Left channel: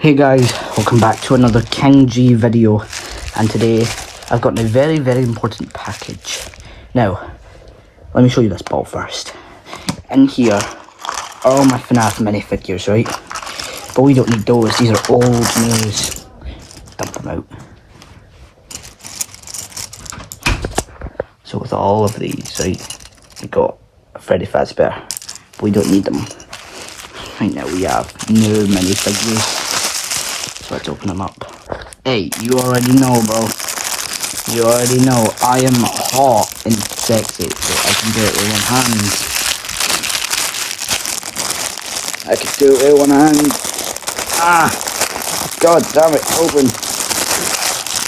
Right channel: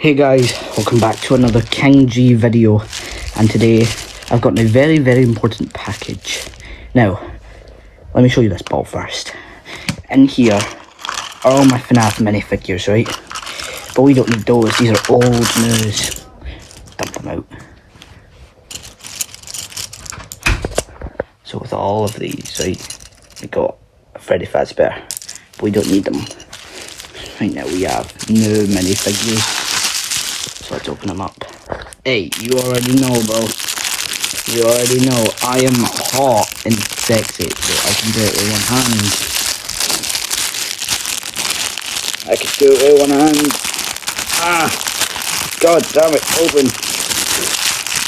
Hey guys, welcome back to another King G video, and today I've got my very important package. Now, let me show you this ball first. In here, all my FNAF minifigures, right? But we don't need those, these are old news. Dump them out. So with all of these, right, we got a Freddy Fazbear. We don't need them. Right now we have new minifigures. Let's open them up. Hey, you already know, bro. You already know I am hot and sexy. I can do it with one hand. I can do it with one hand. Ah! God damn it, open.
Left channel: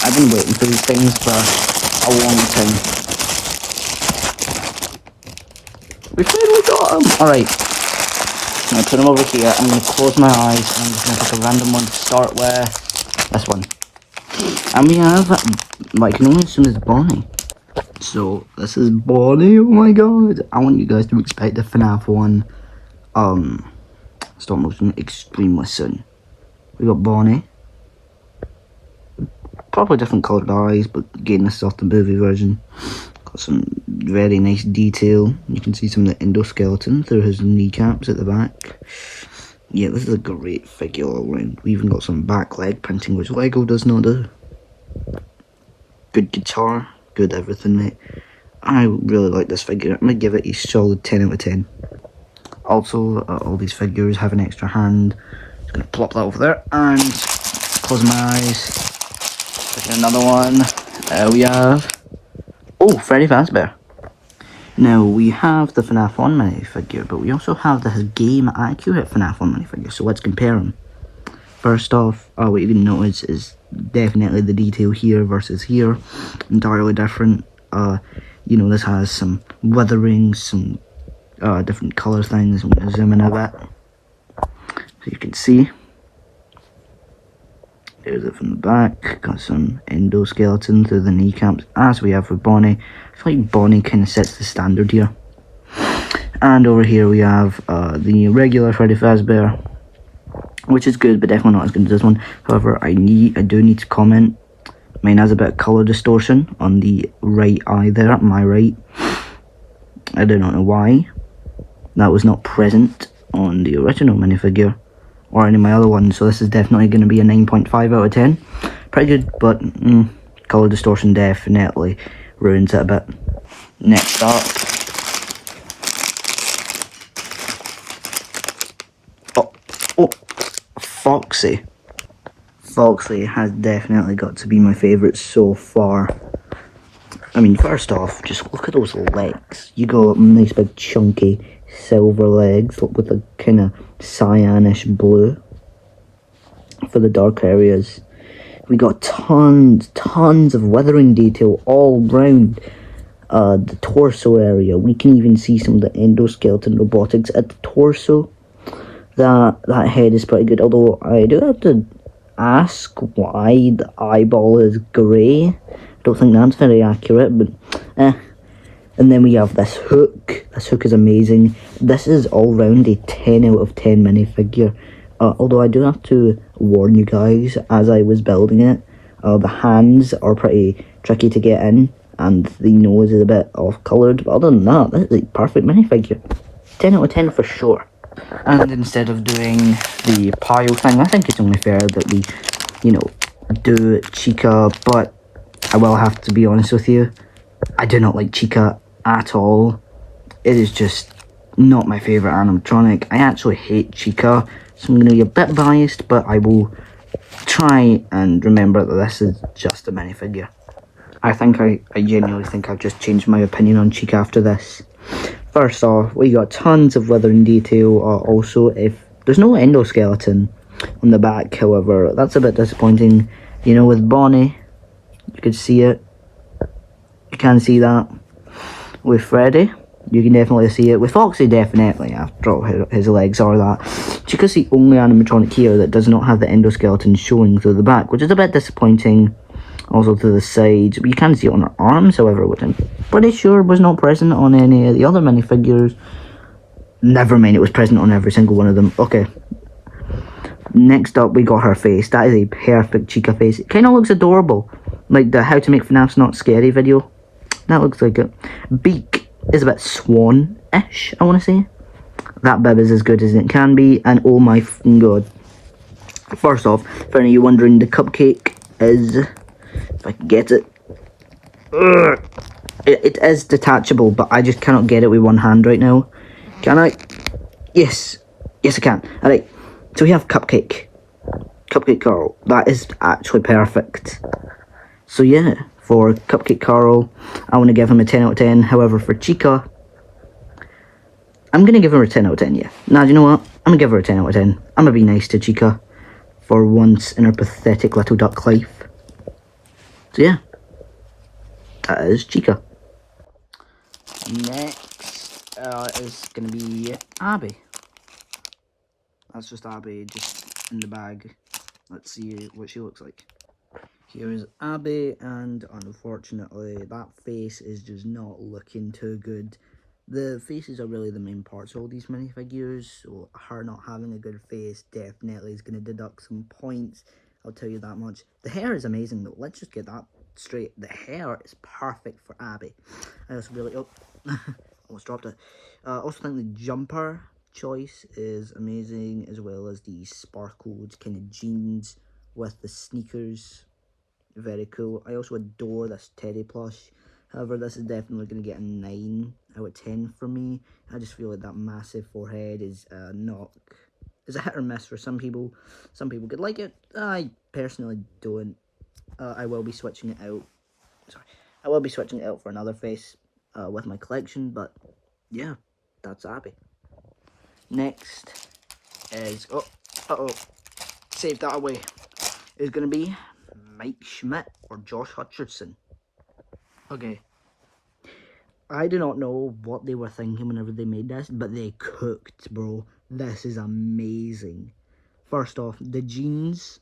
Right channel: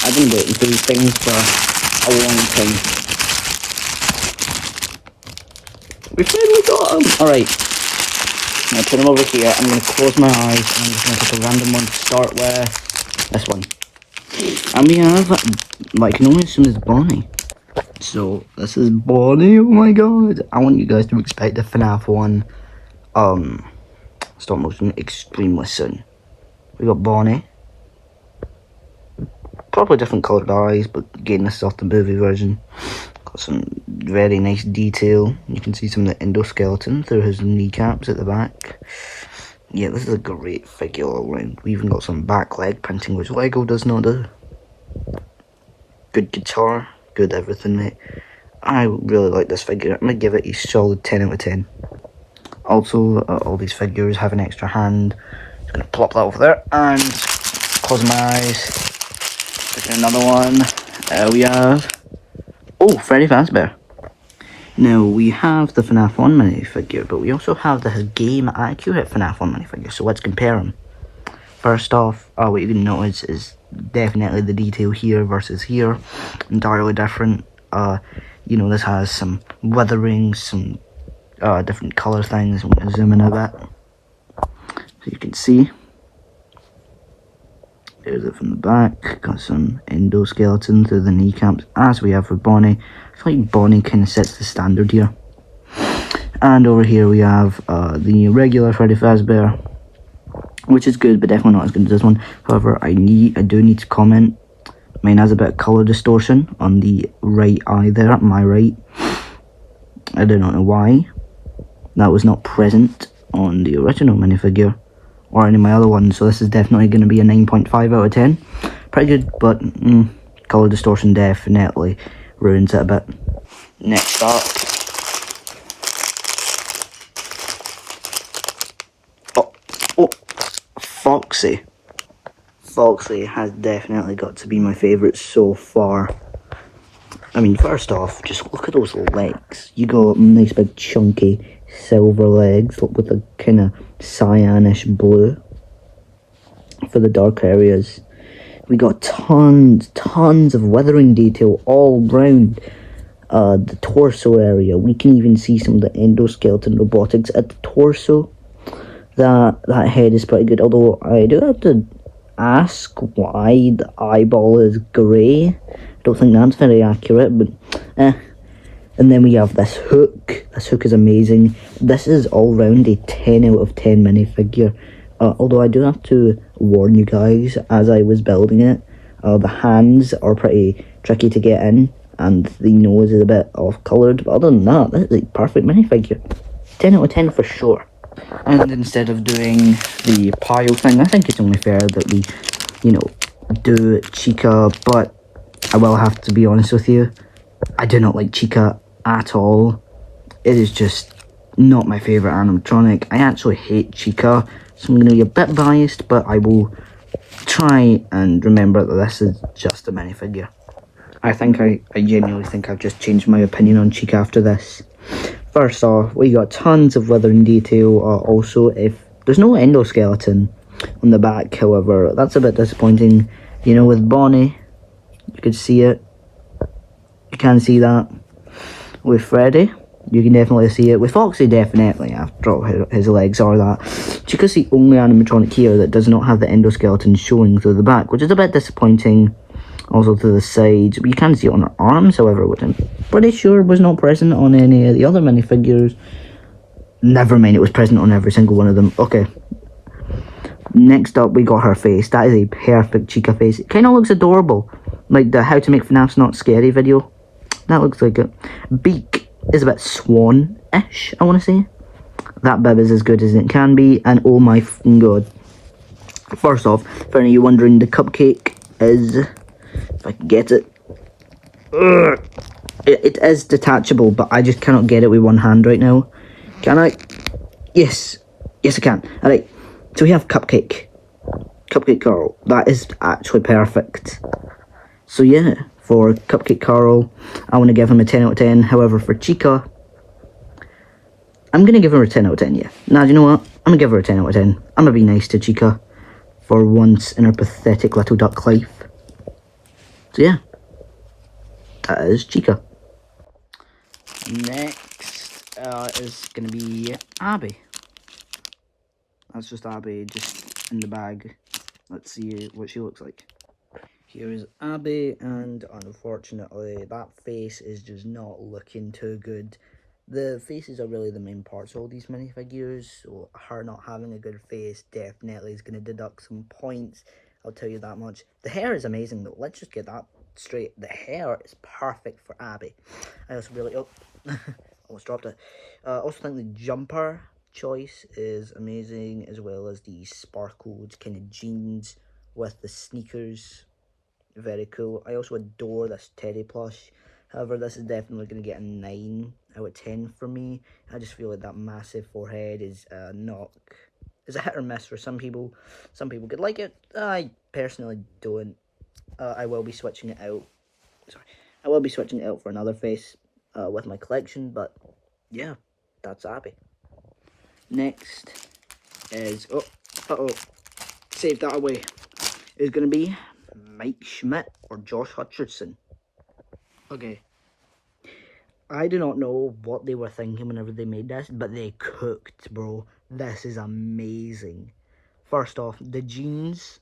I've been waiting for these things for a long time. We finally got them! Alright. I'm going to put them over here, I'm going to close my eyes, and I'm just going to pick a random one to start with. This one. And we have, like, I can only assume it's Bonnie. So, this is Bonnie, oh my god. I want you guys to expect the FNAF one, stop motion extremely soon. We got Bonnie. Probably different coloured eyes, but again, this is off the movie version. Got some very nice detail. You can see some of the endoskeleton through his kneecaps at the back. Yeah, this is a great figure all round. We even got some back leg painting, which Lego does not do. Good guitar, good everything, mate. I really like this figure. I'm going to give it a solid 10 out of 10. Also, all these figures have an extra hand. Just going to plop that over there and close my eyes. Another one. There we are. Oh, Freddy Fazbear. Now, we have the FNAF 1 minifigure, but we also have the game-accurate FNAF 1 minifigure, so let's compare them. First off, what you can notice is definitely the detail here versus here. Entirely different. You know, this has some weathering, some different colour things. I'm going to zoom in a bit. So you can see. There's it from the back, got some endoskeleton through the kneecaps, as we have for Bonnie. I feel like Bonnie kind of sets the standard here. And over here we have the regular Freddy Fazbear, which is good, but definitely not as good as this one. However, I do need to comment, mine has a bit of colour distortion on the right eye there, on my right. I do not know why. That was not present on the original minifigure or any of my other ones, so this is definitely going to be a 9.5 out of 10. Pretty good, but colour distortion definitely ruins it a bit. Next up, Foxy. Foxy has definitely got to be my favourite so far. I mean, first off, just look at those legs. You got nice big chunky silver legs with a kind of cyanish blue for the dark areas. We got tons of weathering detail all round the torso area. We can even see some of the endoskeleton robotics at the torso. That head is pretty good, although I do have to ask why the eyeball is grey. I don't think that's very accurate, but And then we have this hook. This hook is amazing. This is all round a 10 out of 10 minifigure. Although I do have to warn you guys, as I was building it, the hands are pretty tricky to get in, and the nose is a bit off-coloured. But other than that, this is a perfect minifigure. 10 out of 10 for sure. And instead of doing the pile thing, I think it's only fair that we, you know, do Chica, but I will have to be honest with you, I do not like Chica at all. It is just not my favourite animatronic. I actually hate Chica, so I'm going to be a bit biased, but I will try and remember that this is just a minifigure. I genuinely think I've just changed my opinion on Chica after this. First off, we got tons of weathering detail. Also, if there's no endoskeleton on the back, however, that's a bit disappointing. You know, with Bonnie, you could see it. You can see that. With Freddy, you can definitely see it. With Foxy, definitely, after all, his legs are that. Chica's the only animatronic here that does not have the endoskeleton showing through the back, which is a bit disappointing. Also to the sides, but you can see it on her arms, however, which I'm pretty sure was not present on any of the other minifigures. Never mind, it was present on every single one of them. Okay, Next up, we got her face. That is a perfect Chica face. It kind of looks adorable. Like the How to Make FNAF's Not Scary video. That looks like it. Beak is a bit swan-ish, I want to say. That bib is as good as it can be, and oh my god. First off, for any of you wondering, the cupcake is, if I can get it, it is detachable, but I just cannot get it with one hand right now. Can I? Yes. Yes, I can. Alright, so we have Cupcake. Cupcake Carl. That is actually perfect. So yeah, for Cupcake Carl, I want to give him a 10 out of 10. However, for Chica, I'm going to give her a 10 out of 10, yeah. Now, you know what? I'm going to give her a 10 out of 10. I'm going to be nice to Chica for once in her pathetic little duck life. So yeah, that is Chica. Next is going to be Abby. It's just Abby, just in the bag. Let's see what she looks like. Here is Abby, and unfortunately that face is just not looking too good. The faces are really the main parts of all these minifigures, so her not having a good face definitely is going to deduct some points, I'll tell you that much. The hair is amazing though, let's just get that straight. The hair is perfect for Abby. I also really, almost dropped it. Also think the jumper choice is amazing, as well as the sparkled kind of jeans with the sneakers. Very cool. I also adore this teddy plush. However, this is definitely going to get a 9 out of 10 for me. I just feel like that massive forehead is is a hit or miss for some people. Some people could like it. I personally don't. I will be switching it out. I will be switching it out for another face with my collection. But yeah, that's Abby. Next is save that away. Is going to be Mike Schmidt or Josh Hutcherson. Okay, I do not know what they were thinking whenever they made this, but they cooked, bro. This is amazing. First off, the jeans,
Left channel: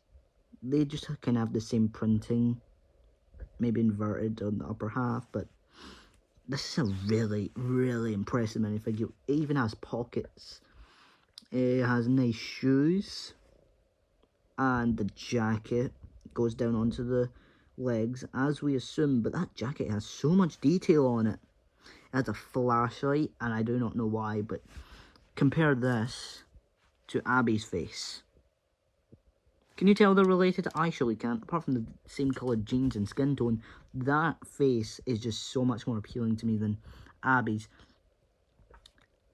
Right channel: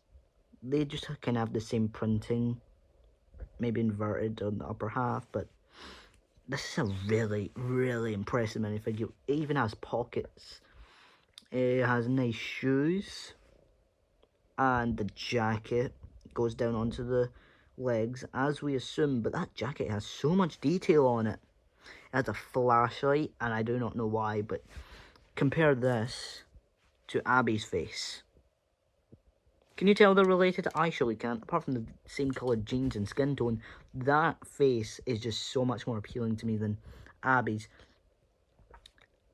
they just kind of have the same printing, maybe inverted on the upper half, but this is a really, really impressive minifigure. It even has pockets. It has nice shoes, and the jacket goes down onto the legs, as we assume, but that jacket has so much detail on it. It has a flashlight, and I do not know why, but compare this to Abby's face. Can you tell they're related? I surely can't. Apart from the same coloured jeans and skin tone, that face is just so much more appealing to me than Abby's.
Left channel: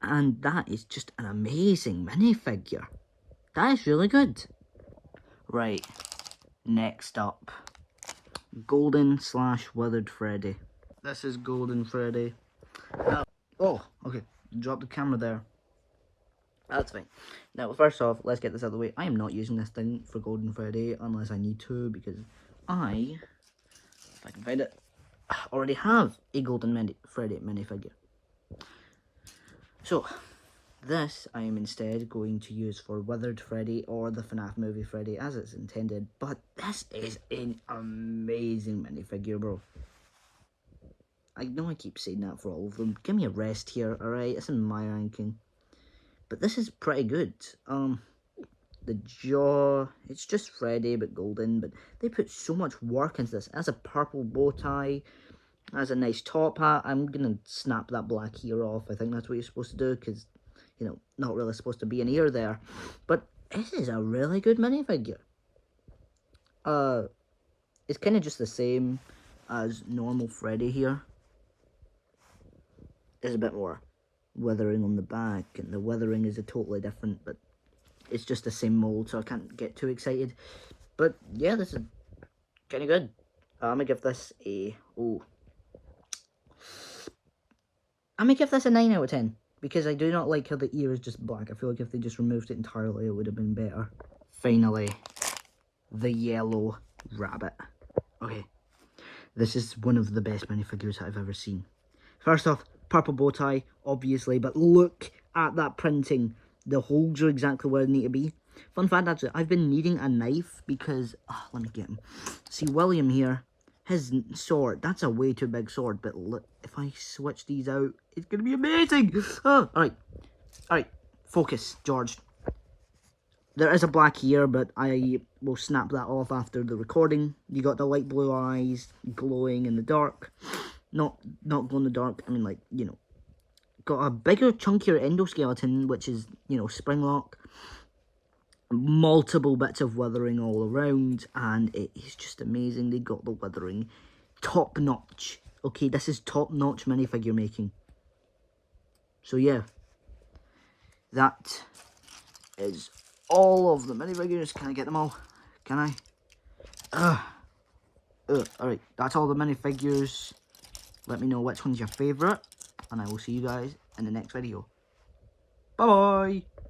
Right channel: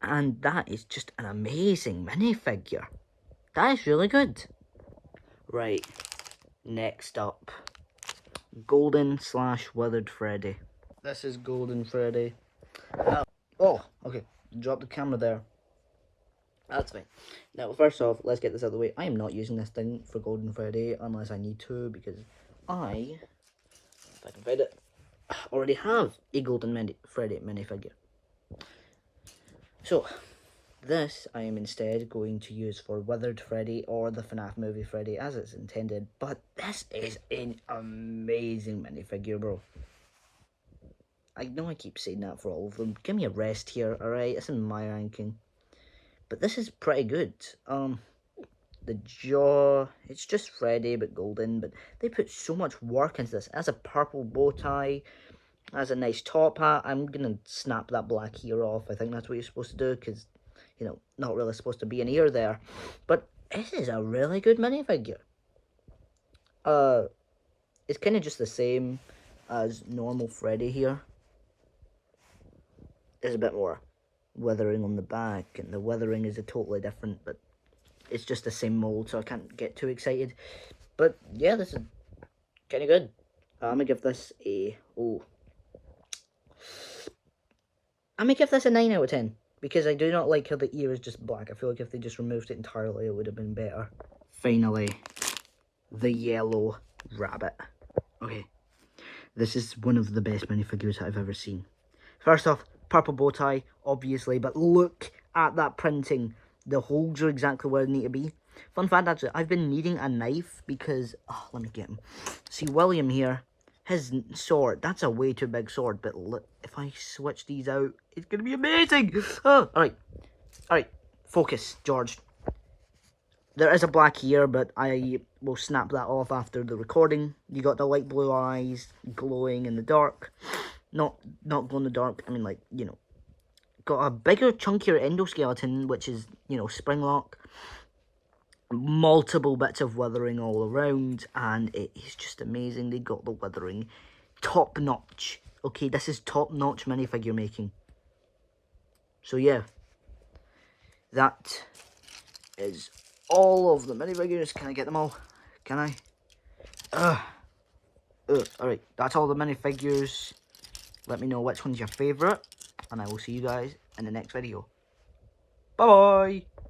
And that is just an amazing minifigure. That is really good. Right, next up, Golden / Withered Freddy. This is Golden Freddy. Oh, okay, drop the camera there. That's fine. Now, first off, let's get this out of the way. I am not using this thing for Golden Freddy unless I need to, because I, if I can find it, already have a Golden Freddy minifigure. So, this I am instead going to use for Withered Freddy or the FNAF movie Freddy as it's intended. But this is an amazing minifigure, bro. I know I keep saying that for all of them. Give me a rest here, alright? It's in my ranking. But this is pretty good. The jaw, it's just Freddy but golden, but they put so much work into this. It has a purple bow tie, has a nice top hat. I'm gonna snap that black ear off. I think that's what you're supposed to do, because, you know, not really supposed to be an ear there. But this is a really good minifigure. It's kind of just the same as normal Freddy here. There's a bit more weathering on the back, and the weathering is totally different, but it's just the same mold, so I can't get too excited. But yeah, this is kind of good. I'm gonna give this a I'm gonna give this a 9 out of 10, because I do not like how the ear is just black. I feel like if they just removed it entirely, it would have been better. Finally, the yellow rabbit. Okay, this is one of the best minifigures I've ever seen. First off, purple bow tie, obviously, but look at that printing. The holes are exactly where they need to be. Fun fact, actually, I've been needing a knife because, let me get him. See, William here, his sword, that's a way too big sword, but look, if I switch these out, it's going to be amazing. Oh, alright, focus, George. There is a black ear, but I will snap that off after the recording. You got the light blue eyes, glowing in the dark. Not glow in the dark, I mean, like, you know. Got a bigger, chunkier endoskeleton, which is, you know, spring lock. Multiple bits of weathering all around, and it is just amazing. They got the weathering top notch. Okay, this is top notch minifigure making. So yeah, that is all of the minifigures. Can I get them all? Can I? Alright, that's all the minifigures. Let me know which one's your favourite, and I will see you guys in the next video. Bye bye!